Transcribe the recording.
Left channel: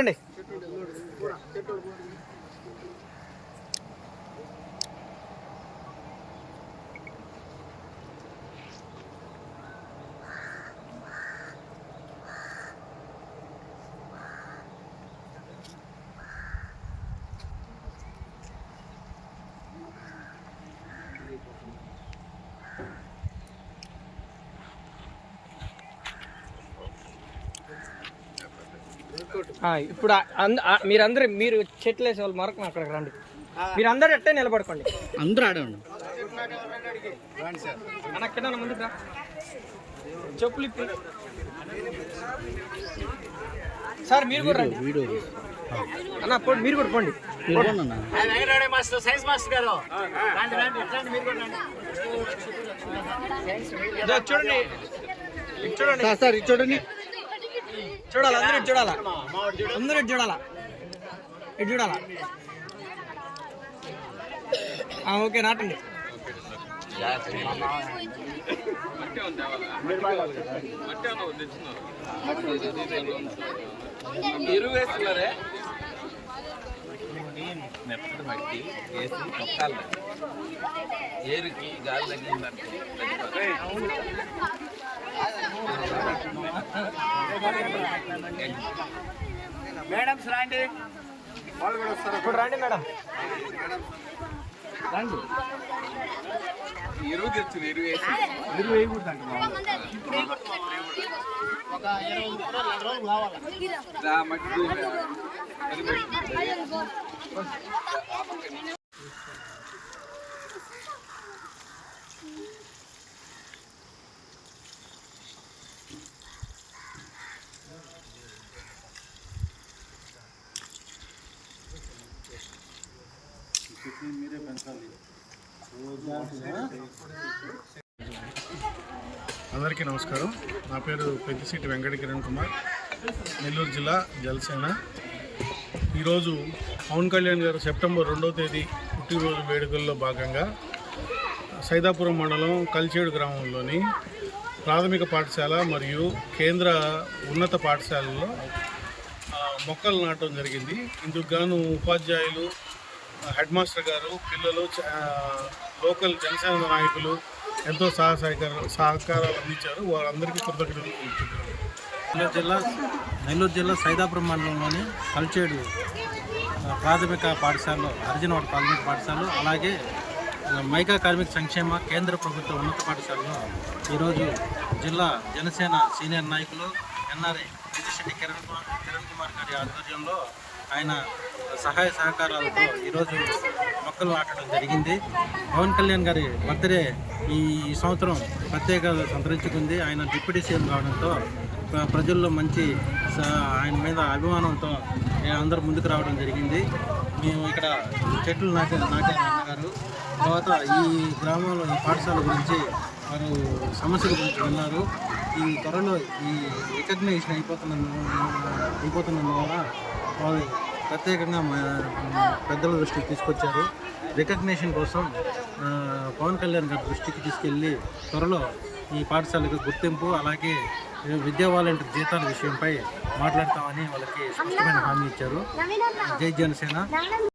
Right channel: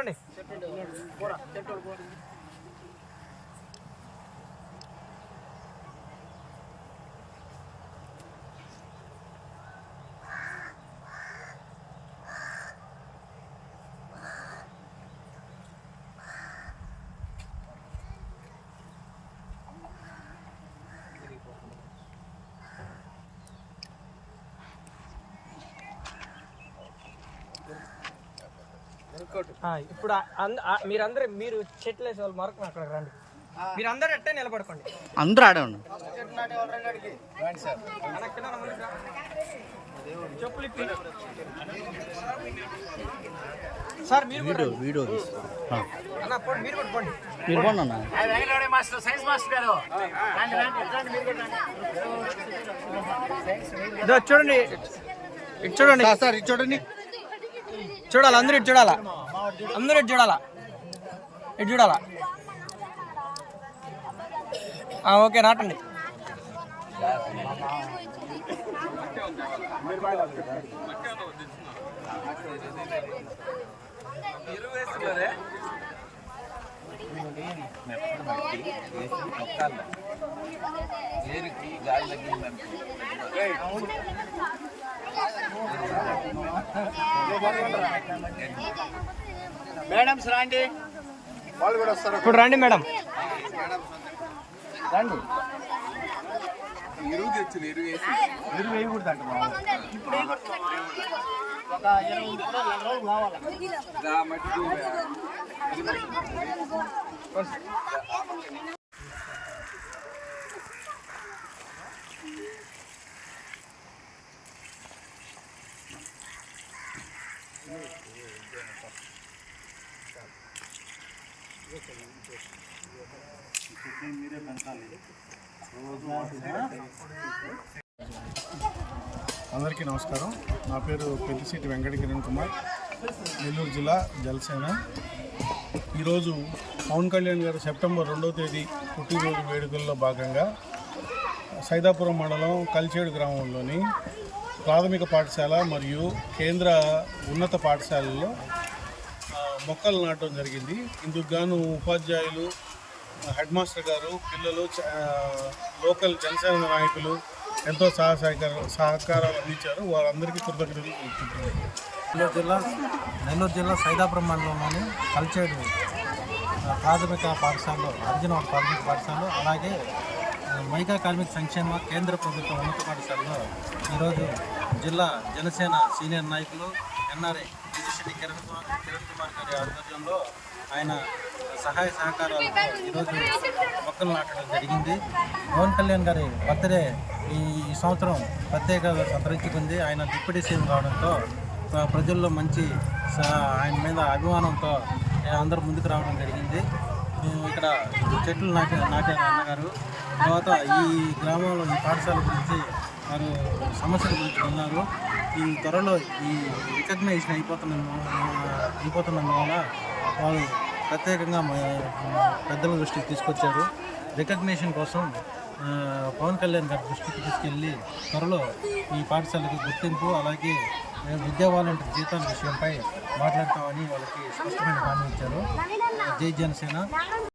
చూడండి. ఇప్పుడు మీరు చెట్లు వేసే వాళ్ళు మరొక అక్కడికి రండి. మీరు అందరు ఎట్టే నిలబడుకోండి. అందరూ ఆడండి. చెప్పులు సార్ మీరు వీడియో మీరు కూడా పోండి. మీరు పోండి అన్న. చూడండి చూడండి సార్ ఇది చూడండి. చూడాలి అందరూ ఇటు చూడాలా. అందరూ ఇటు చూడాలా. ఇటు చూడాలా. ఓకే రాటండి. మెత్తటి మట్టి వేసి తొక్కాలి. ఏరుకి గాలి తగ్గిందనుకో మేడమ్స్ రండి. ఇప్పుడు రండి మేడం. రండి. ఎరువు తెచ్చింది. ఎరువు వేయకూడదంట. ఇప్పుడు ఒక 20 రోజులు కావాలి. మీరే పెంచాలి రోజు. అందరికీ నమస్కారం. నా పేరు పెద్దిశెట్టి వెంకట కిరణ్ కుమార్, నెల్లూరు జిల్లా జనసేన. ఈరోజు పవన్ కళ్యాణ్ గారు సెప్టెంబర్ 2వ తేదీ పుట్టినరోజు వేడుకల్లో భాగంగా సైదాపురం మండలం కలిచేడు గ్రామంలోని ప్రాథమిక పాఠశాల మరియు కేంద్ర ఉన్నత పాఠశాలల్లో మొక్కలు నాటడం జరిగింది. ఇందుకు గాను ఉపాధ్యాయులు, హెడ్ మాస్టర్ గారు, పిల్లలు, లోకల్ జనసేన నాయకులు ఎంతో సహకారాలు అందించారు. వారందరికీ కృతజ్ఞతలు తెలుపుతున్నాను. నెల్లూరు జిల్లా సైదాపురం మండలంలోని కలిచేడు ప్రాథమిక పాఠశాలలో, హరిజనవాడ ప్రాథమిక పాఠశాలలో, అలాగే మైకా కార్మిక సంక్షేమ కేంద్ర ప్రభుత్వ ఉన్నత పాఠశాలలో ఈరోజు జిల్లా జనసేన సీనియర్ నాయకులు ఎన్ఆర్ఐ పెద్దిశెట్టి కిరణ్ కుమార్ గారి ఆధ్వర్యంలో ఆయన సహాయ సహకారాలతో ఈరోజు మొక్కలు నాటడం జరిగింది. పవన్ కళ్యాణ్ గారి బర్త్డే ఈ సంవత్సరం ప్రత్యేకత సంతరించుకుంది. ఆయన డిప్యూటీ సీఎం కావడంతో ప్రజల్లో మంచి ఆయన మీద అభిమానంతో అందరూ ముందుకు రావడం జరిగింది. మేము ఇక్కడ చెట్లు నాటారు అన్నగారు. తర్వాత ఈ గ్రామంలో ఈ పాఠశాల గురించి వారు సమస్యల గురించి విన్నారు. ఈ త్వరలో ఈ రికగ్నైజేషన్ అయిపోతున్నందువల్ల వారు ప్రత్యేకంగా పెద్దల దృష్టికి తీసుకొచ్చారు. రికగ్నేషన్ కోసం పవన్ కళ్యాణ్ గారి దృష్టికి తీసుకెళ్ళి త్వరలో ఈ పాఠశాలకు గుర్తింపు, అలాగే విద్యా వాలంటీర్ జీతాల విషయంపై మాట్లాడతామని వాళ్ళకి స్పష్టమైన హామీ ఇచ్చారు. జై జనసేన.